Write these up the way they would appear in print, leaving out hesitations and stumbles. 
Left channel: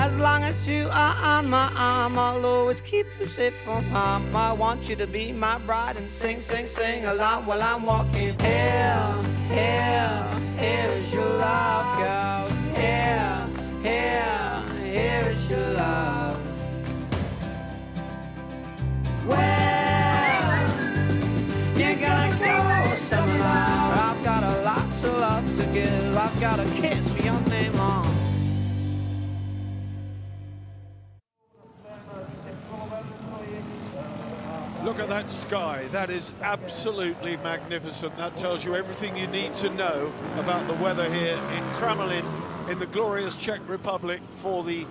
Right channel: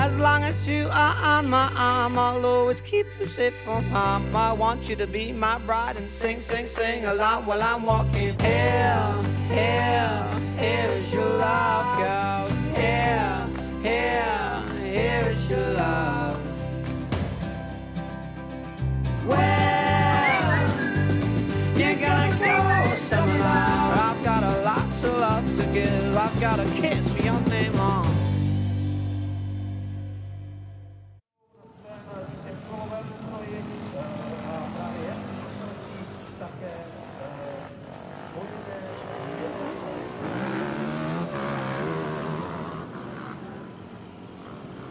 As long as you are on my arm, I'll always keep you safe from harm. I want you to be my bride and sing, sing, sing along while I'm walking. Here, here, here is your love, girl. Here, here, here is your love. Well, you're gonna go somewhere. I've got a lot to love to give. I've got a kiss for your name on. Look at that sky. That is absolutely magnificent. That tells you everything you need to know about the weather here in Kremlin in the glorious Czech Republic for the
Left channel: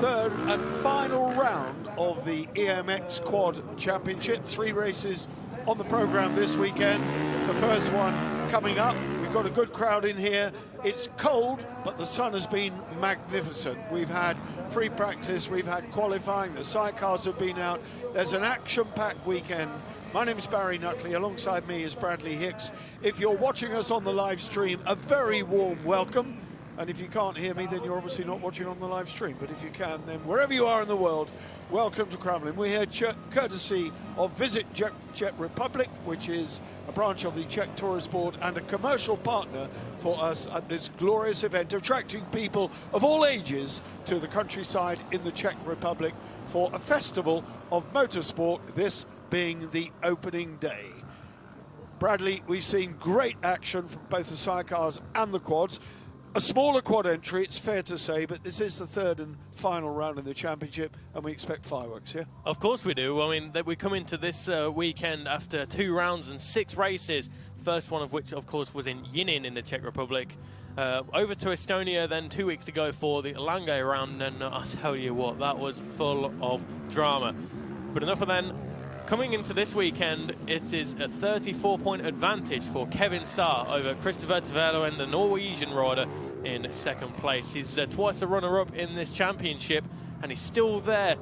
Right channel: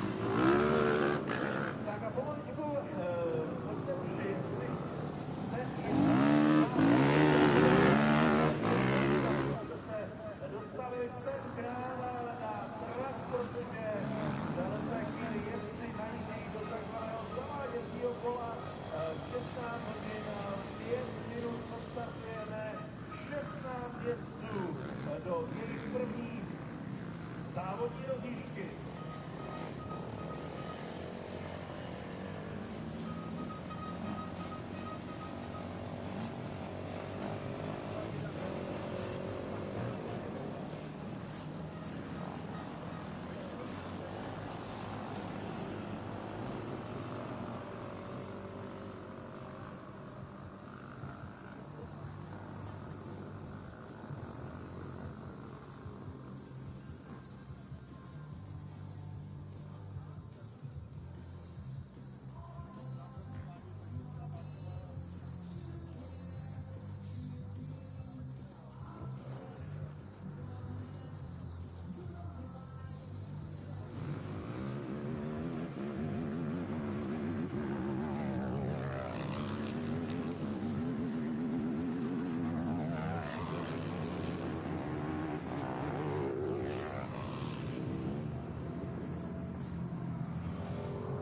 third and final round of the EMX Quad Championship. 3 races on the program this weekend. The first one coming up. We've got a good crowd in here. It's cold, but the sun has been magnificent. We've had free practice, we've had qualifying, the sidecars have been out. There's an action-packed weekend. My name is Barry Nutley, alongside me is Bradley Hicks. If you're watching us on the live stream, a very warm welcome. And if you can't hear me, then you're obviously not watching on the live stream. But if you can, then wherever you are in the world, welcome to Kremlin. We're here courtesy of Visit Czech Republic, which is a branch of the Czech Tourist Board and a commercial partner for us at this glorious event, attracting people of all ages to the countryside in the Czech Republic for a festival of motorsport, this being the opening day. Bradley, we've seen great action from both the sidecars and the quads. A smaller quad entry, it's fair to say, but this is the third and final round in the championship, and we expect fireworks, yeah? Of course we do. I mean, we come into this weekend after 2 rounds and 6 races, first one of which, of course, was in Yinin in the Czech Republic. Over to Estonia, then 2 weeks to go for the Langay round, and I'll tell you what, that was full of drama. But enough of then. Coming into this weekend, it is a 34-point advantage for Kevin Saar over Christopher Tverlo and the Norwegian rider in second place. He's twice a runner-up in this championship, and he's still there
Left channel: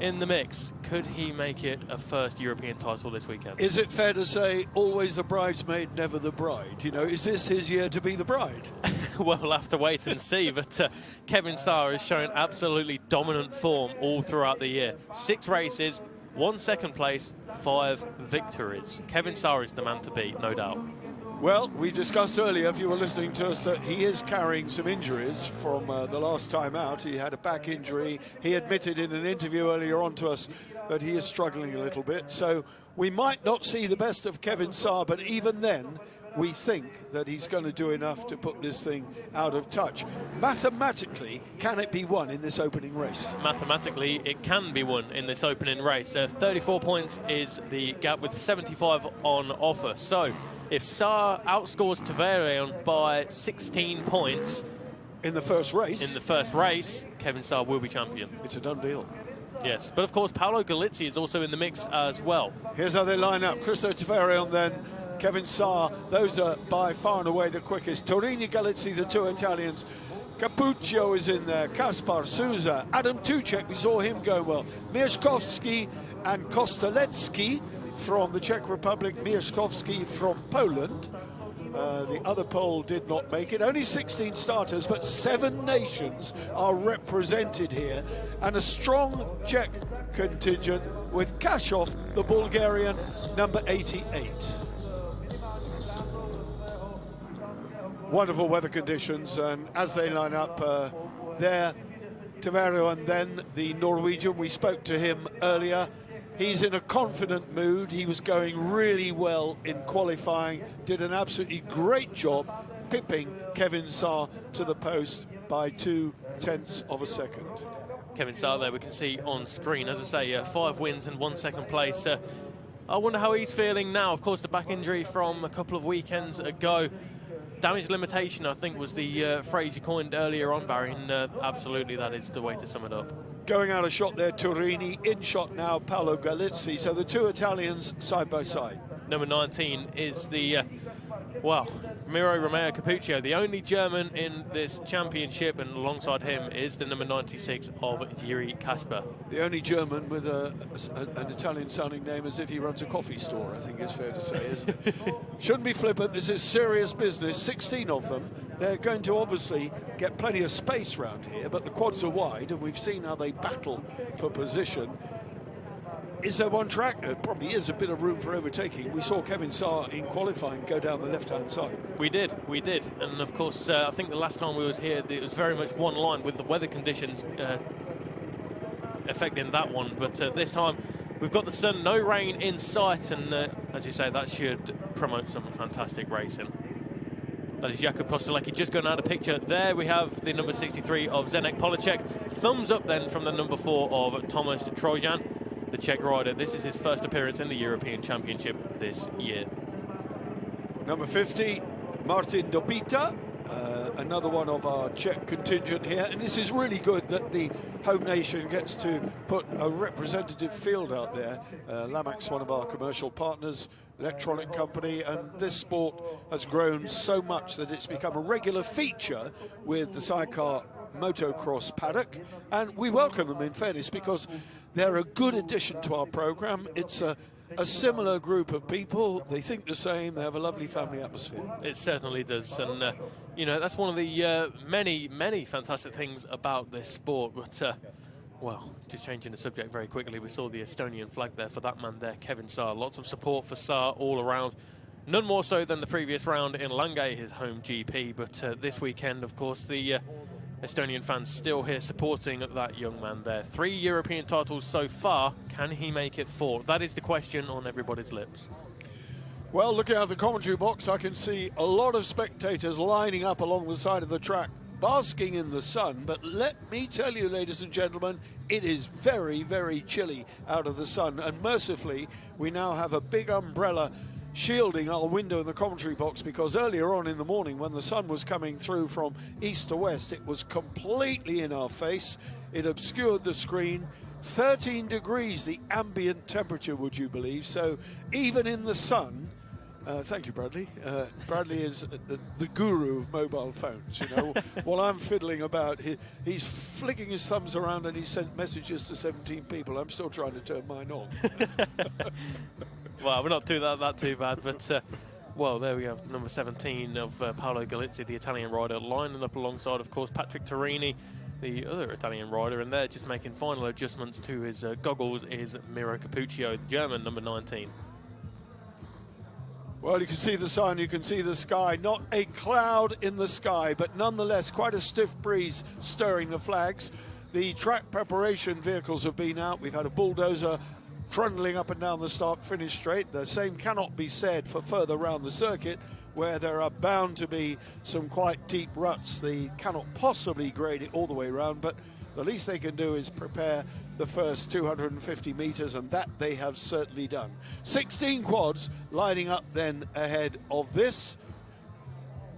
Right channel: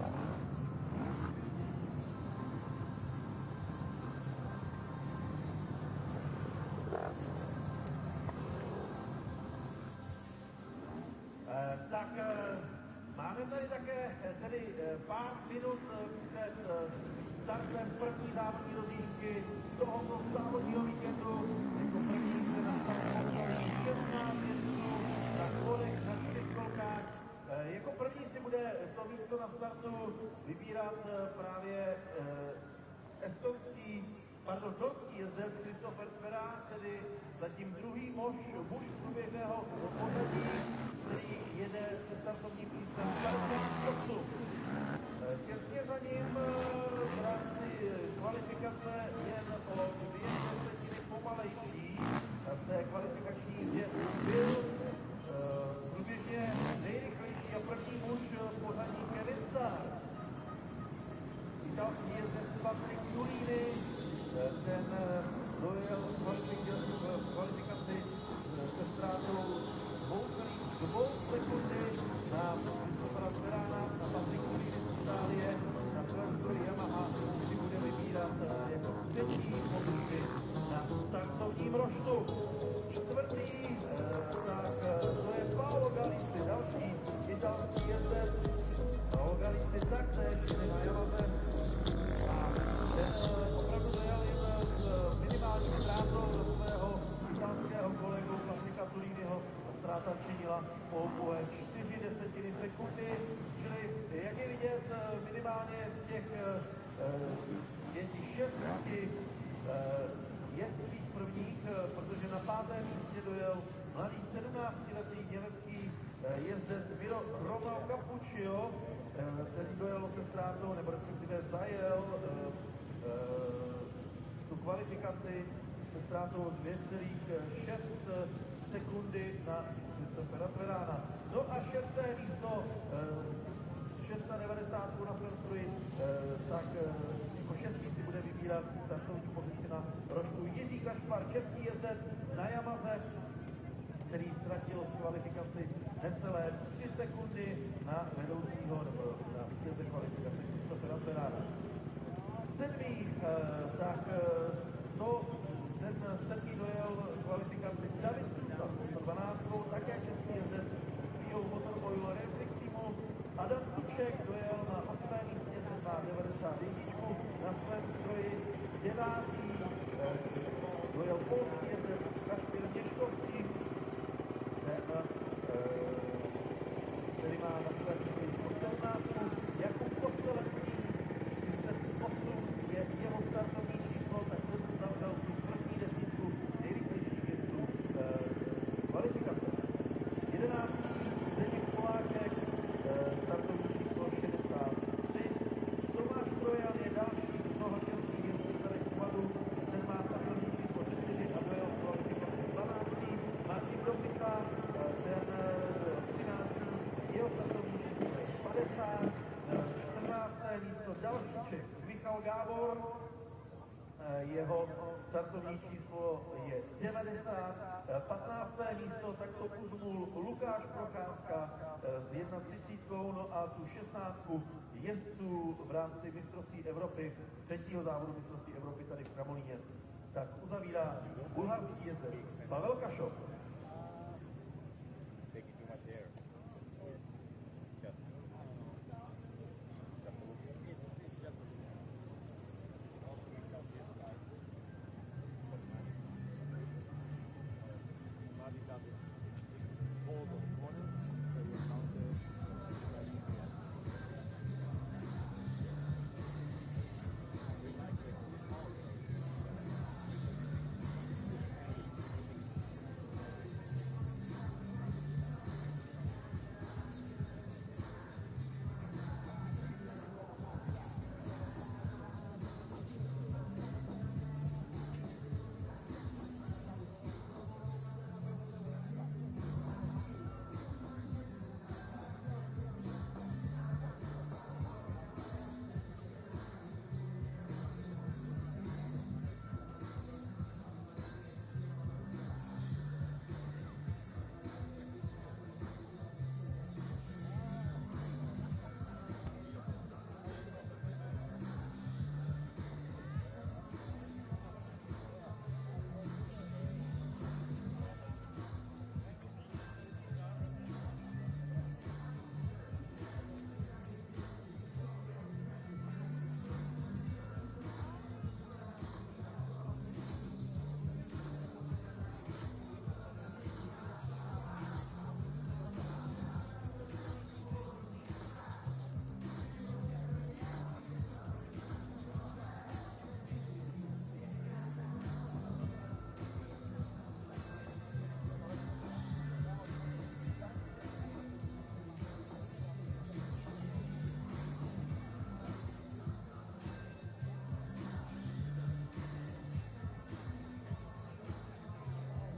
in the mix. Could he make it a first European title this weekend? Is it fair to say always the bridesmaid, never the bride? You know, is this his year to be the bride? Well, we'll have to wait and see, but Kevin Saar is showing absolutely dominant form all throughout the year. 6 races, 1 second place, 5 victories. Kevin Saar is the man to beat, no doubt. Well, we discussed earlier, if you were listening to us, that he is carrying some injuries from the last time out. He had a back injury. He admitted in an interview earlier on to us that he is struggling a little bit. So we might not see the best of Kevin Saar, but even then, we think that he's going to do enough to put this thing out of touch. Mathematically, can it be won in this opening race? Mathematically, it can be won in this opening race. 34 points is the gap with 75 on offer. So, if Saar outscores Tverlo by 16 points in the first race, Kevin Saar will be champion. It's a done deal. Yes, but of course, Paolo Galizzi is also in the mix as well. Here's how they line up. Christo Tverlo then, Kevin Saar, those are by far and away the quickest. Torini, Galizzi, the 2 Italians. Capuccio is in there, Kaspar, Souza, Adam Tuchek, we saw him go well. Mieszkowski and Kostelecki from the Czech Republic, Mieszkowski from Poland. The other Pole did not make it. Only 16 starters, but 7 nations are represented here. And a strong Czech contingent with Kashov, the Bulgarian, number 88. Wonderful weather conditions, and as they line up there, Tverlo and then the Norwegian, we spoke to him earlier. He's in a confident mood. He was going really well in qualifying, did an absolutely great job pipping Kevin Saar to the post by 0.2 of a second. Kevin Saar there we can see on screen, as I say, 5 wins and 1 second place. I wonder how he's feeling now. Of course, the back injury from a couple of weekends ago. Damage limitation, I think, was the phrase you coined earlier on, Barry, and absolutely that is the way to sum it up. Going out of shot there, Turini. In shot now, Paolo Galizzi. So the 2 Italians side by side. Number 19 is the, Miro Romeo Capuccio, the only German in this championship, and alongside him is the number 96 of Yuri Kasper. The only German with an Italian-sounding name, as if he runs a coffee store, I think it's fair to say, isn't it? Shouldn't be flippant, this is serious business. 16 of them they're going to obviously get plenty of space around here, but the quads are wide, and we've seen how they battle for position. Is there one track? There probably is a bit of room for overtaking. We saw Kevin Saar in qualifying go down the left-hand side. We did. And of course, I think the last time we was here, it was very much one line with the weather conditions affecting that one. But this time, we've got the sun, no rain in sight, and as you say, that should promote some fantastic racing. That is Jakub Kostelecki just going out of the picture. There we have the number 63 of Zdeněk Poláček. Thumbs up then from the number 4 of Thomas Trojan. The Czech rider. This is his first appearance in the European Championship this year. Number 50, Martin Dobita, another one of our Czech contingent here. And this is really good that the home nation gets to put a representative field out there. Lamac's one of our commercial partners, electronic company, and this sport has grown so much that it's become a regular feature with the Sidecar motocross paddock, and we welcome them, in fairness, because they're a good addition to our program. It's a similar group of people. They think the same. They have a lovely family atmosphere. It certainly does, and you know, that's one of the many fantastic things about this sport. But well, just changing the subject very quickly, we saw the Estonian flag there for that man there, Kevin Saar. Lots of support for Saar all around. None more so than the previous round in Langay, his home GP. But this weekend, of course, the Estonian fans still here supporting that young man there. 3 European titles so far. Can he make it 4? That is the question on everybody's lips. Well, looking at the commentary box, I can see a lot of spectators lining up along the side of the track, basking in the sun. But let me tell you, ladies and gentlemen, it is very, very chilly out of the sun. And mercifully, we now have a big umbrella shielding our window in the commentary box, because earlier on in the morning when the sun was coming through from east to west, it was completely in our face. It obscured the screen. 13 degrees the ambient temperature, would you believe? So even in the sun, thank you, Bradley. Bradley is the guru of mobile phones, you know. While I'm fiddling about, he's flicking his thumbs around and he sent messages to 17 people. I'm still trying to turn mine on. Well, we're not doing that too bad, but well, there we have number 17 of Paolo Galizzi, the Italian rider, lining up alongside, of course, Patrick Torini, the other Italian rider, and they're just making final adjustments to his goggles is Miro Capuccio, the German, number 19. Well, you can see the sun, you can see the sky, not a cloud in the sky, but nonetheless quite a stiff breeze stirring the flags. The track preparation vehicles have been out. We've had a bulldozer trundling up and down the start-finish straight. The same cannot be said for further round the circuit, where there are bound to be some quite deep ruts. They cannot possibly grade it all the way around, but the least they can do is prepare the first 250 meters, and that they have certainly done. 16 quads lining up then ahead of this.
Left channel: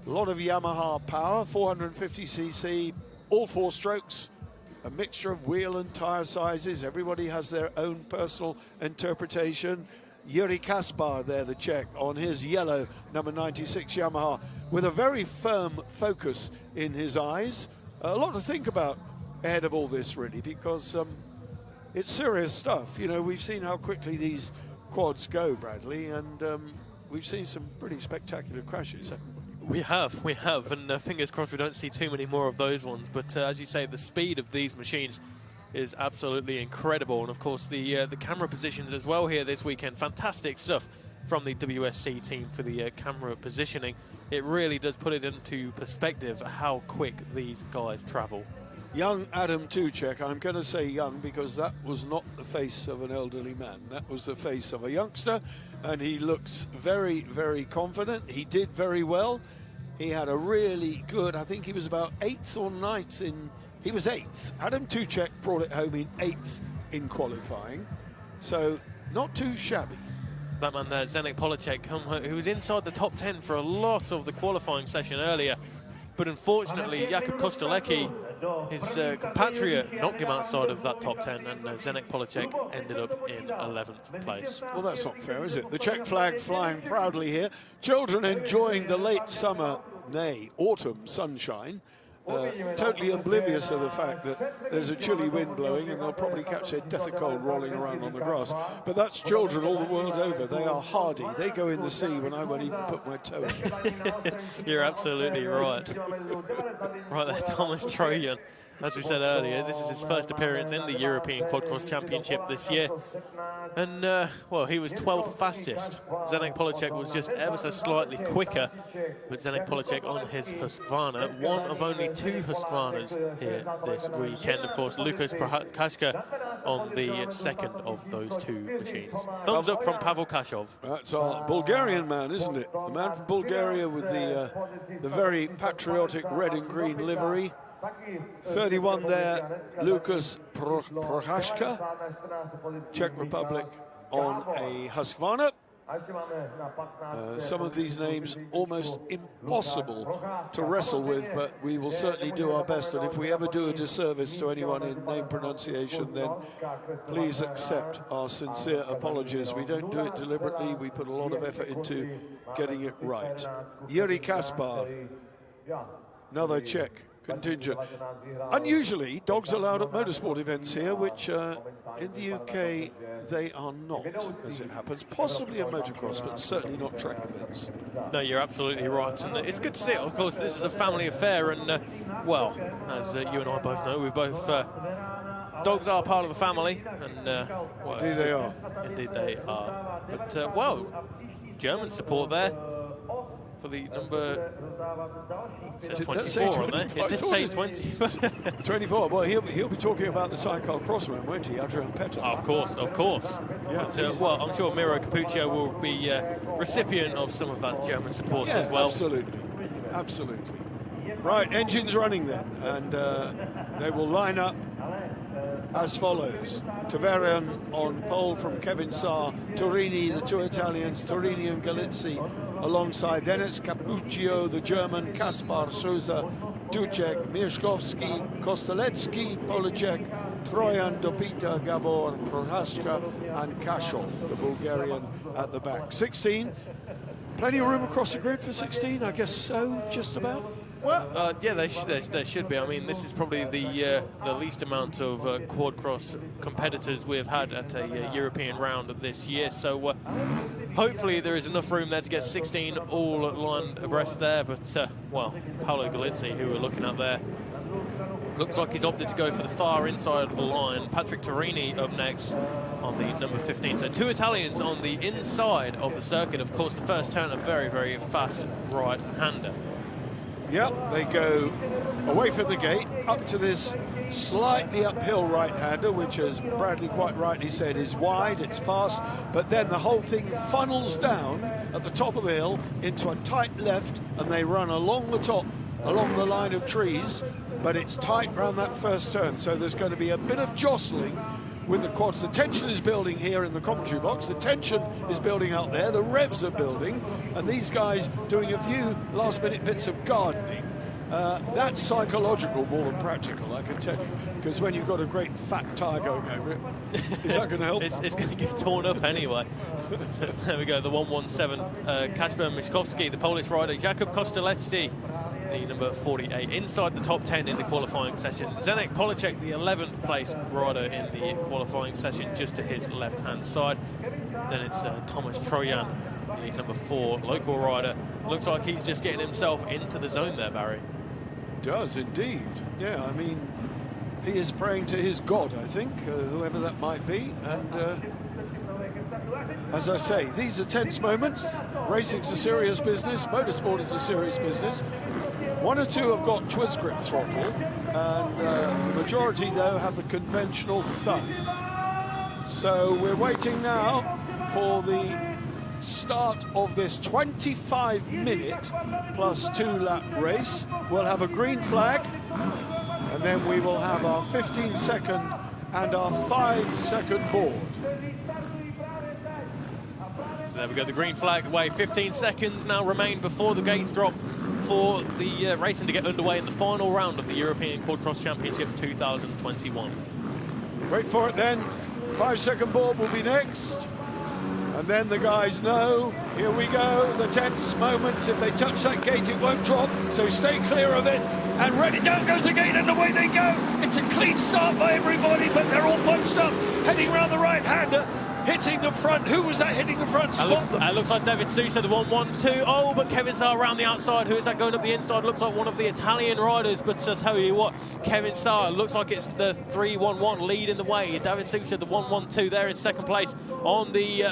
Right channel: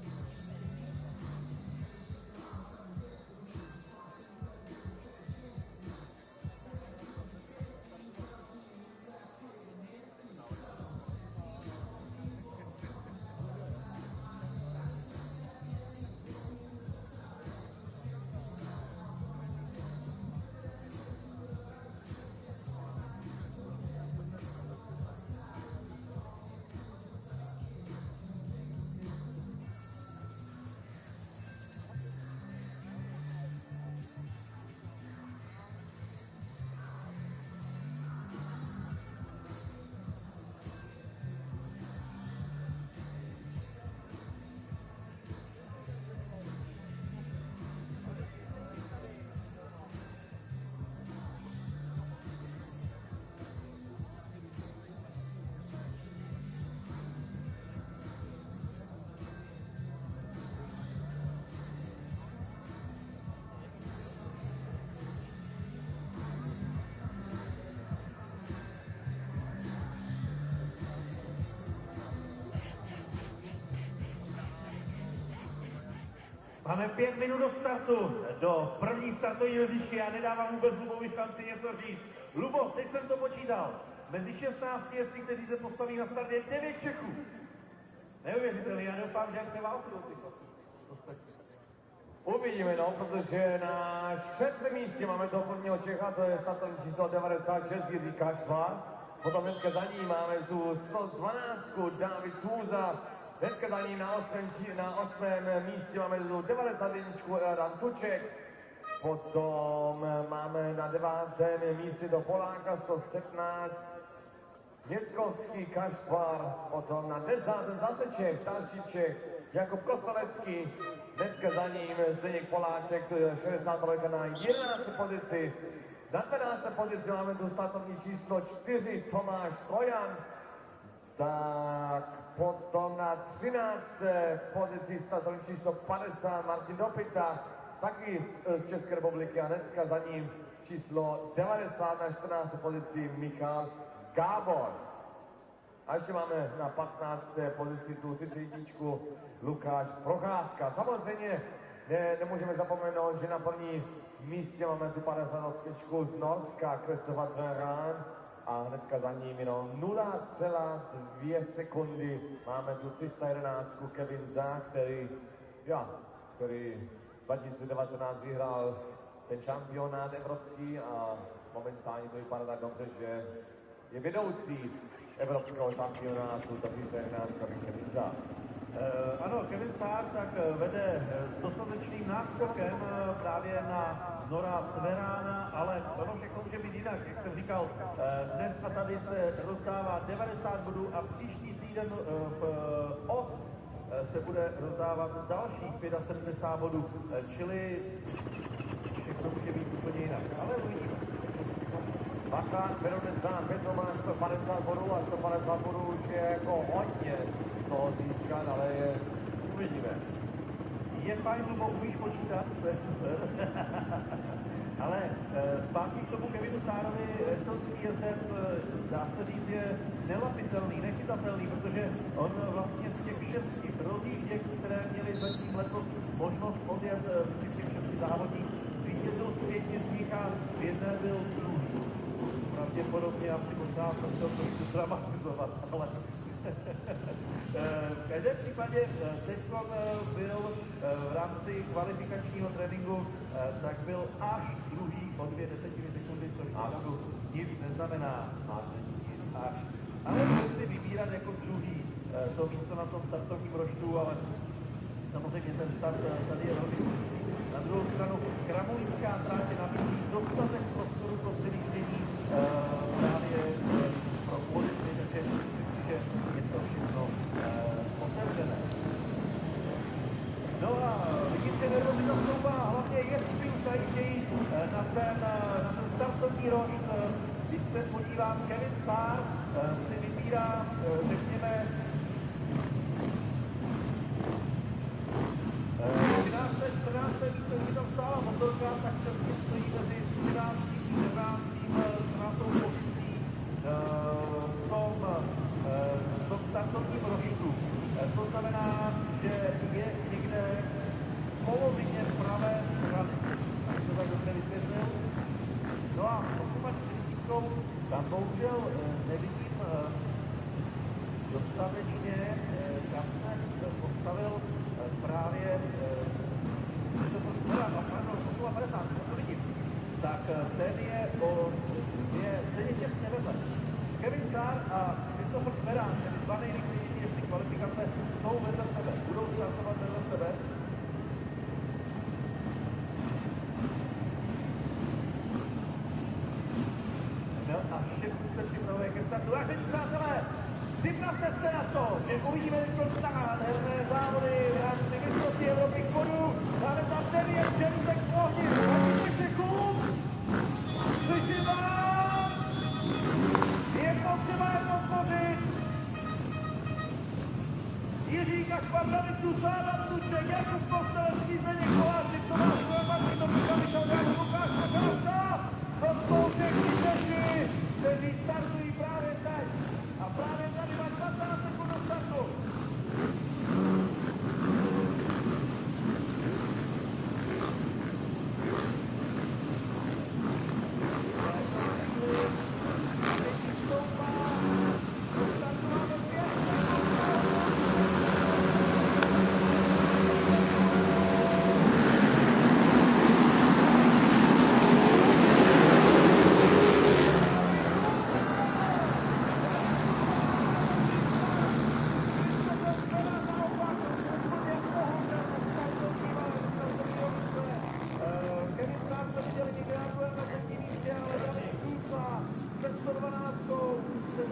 A lot of Yamaha power, 450cc, all 4 strokes. A mixture of wheel and tyre sizes. Everybody has their own personal interpretation. Yuri Kaspar there, the Czech, on his yellow number 96 Yamaha, with a very firm focus in his eyes. A lot to think about ahead of all this, really, because it's serious stuff. You know, we've seen how quickly these quads go, Bradley, and we've seen some pretty spectacular crashes. We have, and fingers crossed we don't see too many more of those ones. But as you say, the speed of these machines is absolutely incredible, and of course the camera positions as well here this weekend. Fantastic stuff from the WSC team for the camera positioning. It really does put it into perspective how quick these guys travel. Young Adam Tuchek, I'm going to say young because that was not the face of an elderly man. That was the face of a youngster, and he looks very, very confident. He did very well. He had a really good, I think he was about 8th or 9th in, he was 8th. Adam Tuchek brought it home in 8th in qualifying, so not too shabby. That man there, Zdeněk Poláček, who was inside the top 10 for a lot of the qualifying session earlier. But unfortunately, Jakub Kostelecki, his compatriot, knocked him outside of that top 10, and Zdeněk Poláček ended up in 11th place. Well, that's not fair, is it? The Czech flag flying proudly here. Children enjoying the late summer, nay, autumn sunshine. totally oblivious of the fact that there's a chilly wind blowing and they'll probably catch their death of cold rolling around on the grass. But that's children all the world over. They are hardy. They go in the sea when I won't even put my toe in. You're absolutely right. Right there, Thomas Trojan. As we said earlier, this is his first appearance in the European Quadcross Championship this year. And, well, he was 12th fastest. Zdeněk Poláček was just ever so slightly quicker, but Zdeněk Poláček on his Husqvarna, one of only two Husqvarnas here this weekend. Of course, Lukas Prohaska on the second of those two machines. Thumbs up from Pavel Kashov. That's our Bulgarian man, isn't it? The man from Bulgaria with the very patriotic red and green livery. 31 there, Lukas Prohaska, Czech Republic on a Husqvarna. Some of these names almost impossible to wrestle with, but we will certainly do our best. And if we ever do a disservice to anyone in name pronunciation, then please accept our sincere apologies. We don't do it deliberately. We put a lot of effort into getting it right. Yuri Kaspar, another Czech contingent. Unusually, dogs allowed at motorsport events here, which in the UK they are not, as it happens. Possibly a motocross, but certainly not track events. No, you're absolutely right, and it's good to see it. Of course, this is a family affair, and well, as you and I both know, we both dogs are part of the family, and well, Indeed they are. Indeed they are. But well, German support there. For the number, it says 24 on there. It did say 20. 24. Well, he'll be talking about the Sidecarcross man, won't he, Adrian Petter? Of course. Yeah. But, well, I'm sure Miro Capuccio will be recipient of some of that German support as well. Absolutely. Right, engines running then, and they will line up as follows. Taverian on pole from Kevin Saar, Torini, the two Italians, Torini and Galizzi alongside. Then it's Capuccio, the German, Kaspar, Souza, Ducek, Mieszkowski, Kosteletsky, Poláček, Trojan, Dopita, Gabor, Prohaska and Kashov, the Bulgarian at the back. 16, plenty of room across the grid for 16, I guess so, just about. Well, yeah, there should be. I mean, this is probably the least amount of quad-cross competitors we've had at a European round of this year. So hopefully there is enough room there to get 16 all lined abreast there. But, well, Paolo Galizzi, who we're looking at there, looks like he's opted to go for the far inside of the line. Patrick Torini up next on the number 15. So two Italians on the inside of the circuit. Of course, the first turn, a very, very fast right-hander. Yep, they go away from the gate, up to this slightly uphill right-hander, which, as Bradley quite rightly said, is wide, it's fast, but then the whole thing funnels down at the top of the hill into a tight left, and they run along the top, along the line of trees, but it's tight around that first turn, so there's going to be a bit of jostling with the quads. The tension is building here in the commentary box, the tension is building out there, the revs are building, and these guys doing a few last-minute bits of gardening. That's psychological more than practical, I can tell you, because when you've got a great fat tyre going over it, is that going to help? It's going to get torn up anyway. So there we go, the 117, Kacper Mieszkowski, the Polish rider, Jakub Kosteletsky, the number 48, inside the top 10 in the qualifying session. Zdeněk Poláček, the 11th place rider in the qualifying session, just to his left-hand side. Then it's Thomas Trojan, the number 4 local rider. Looks like he's just getting himself into the zone there, Barry. Does indeed. Yeah, I mean, he is praying to his God, I think, whoever that might be. And as I say, these are tense moments. Racing's a serious business. Motorsport is a serious business. One or two have got twist grip throttle, and the majority, though, have the conventional thumb. So we're waiting now for the start of this 25-minute plus 2-lap race. We'll have a green flag, and then we will have our 15-second and our 5-second board. So there we go, the green flag away. 15 seconds now remain before the gates drop for the racing to get underway in the final round of the European Quadcross Championship 2021. Wait for it then. 5-second board will be next. And then the guys know, here we go, the tense moments. If they touch that gate, it won't drop, so stay clear of it. And ready, down goes the gate, and away they go. It's a clean start by everybody, but they're all bunched up, heading round the right-hander, hitting the front. Who was that hitting the front? That looks like David Sousa, the 1-1-2. Oh, but Kevin Saar around the outside. Who is that going up the inside? Looks like one of the Italian riders, but I tell you what, Kevin Saar looks like it's the 3-1-1 leading the way. David Sousa, the 1-1-2 there in second place on the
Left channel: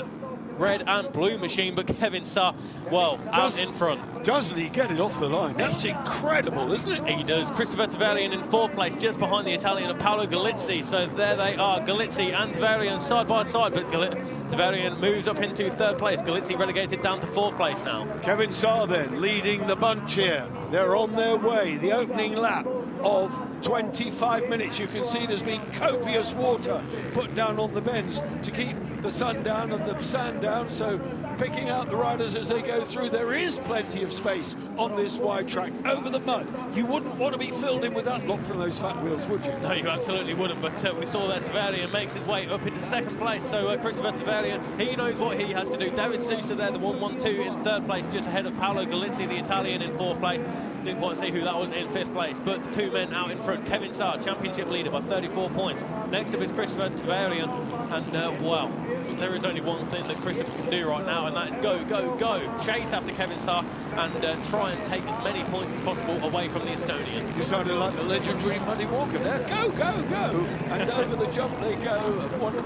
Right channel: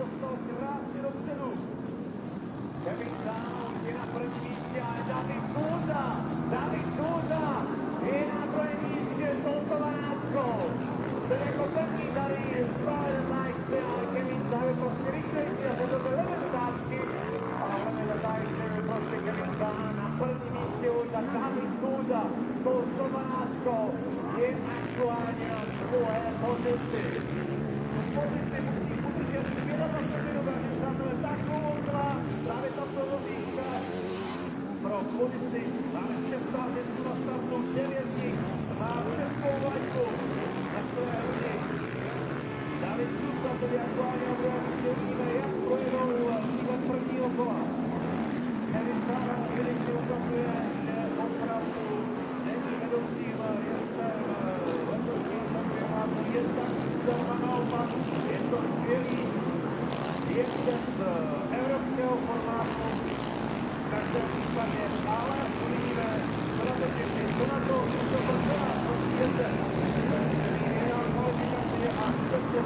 red and blue machine, but Kevin Saar, well, out in front. Doesn't he get it off the line? That's incredible, isn't it? He does. Christopher Tavarian in fourth place, just behind the Italian of Paolo Galizzi. So there they are, Galizzi and Tavarian side by side, but Tavarian moves up into third place. Galizzi relegated down to fourth place now. Kevin Saar then leading the bunch here. They're on their way. The opening lap of 25 minutes. You can see there's been copious water put down on the bends to keep the sun down and the sand down, so picking out the riders as they go through. There is plenty of space on this wide track over the mud. You wouldn't want to be filled in with that lock from those fat wheels, would you? No, you absolutely wouldn't, but we saw that Tavarian makes his way up into second place, so Christopher Tavarian, he knows what he has to do. David Sousa there, the 1-1-2 in third place, just ahead of Paolo Galizzi, the Italian, in fourth place. Didn't quite see who that was in fifth place, but the two men out in front. Kevin Saar, championship leader by 34 points. Next up is Christopher Tavarian, and well, there is only one thing that Christopher can do right now, and that is go, go, go. Chase after Kevin Saar and try and take as many points as possible away from the Estonian. You sounded like the legendary Muddy Walker there. Go, go, go! And over the jump they go. Wonderful.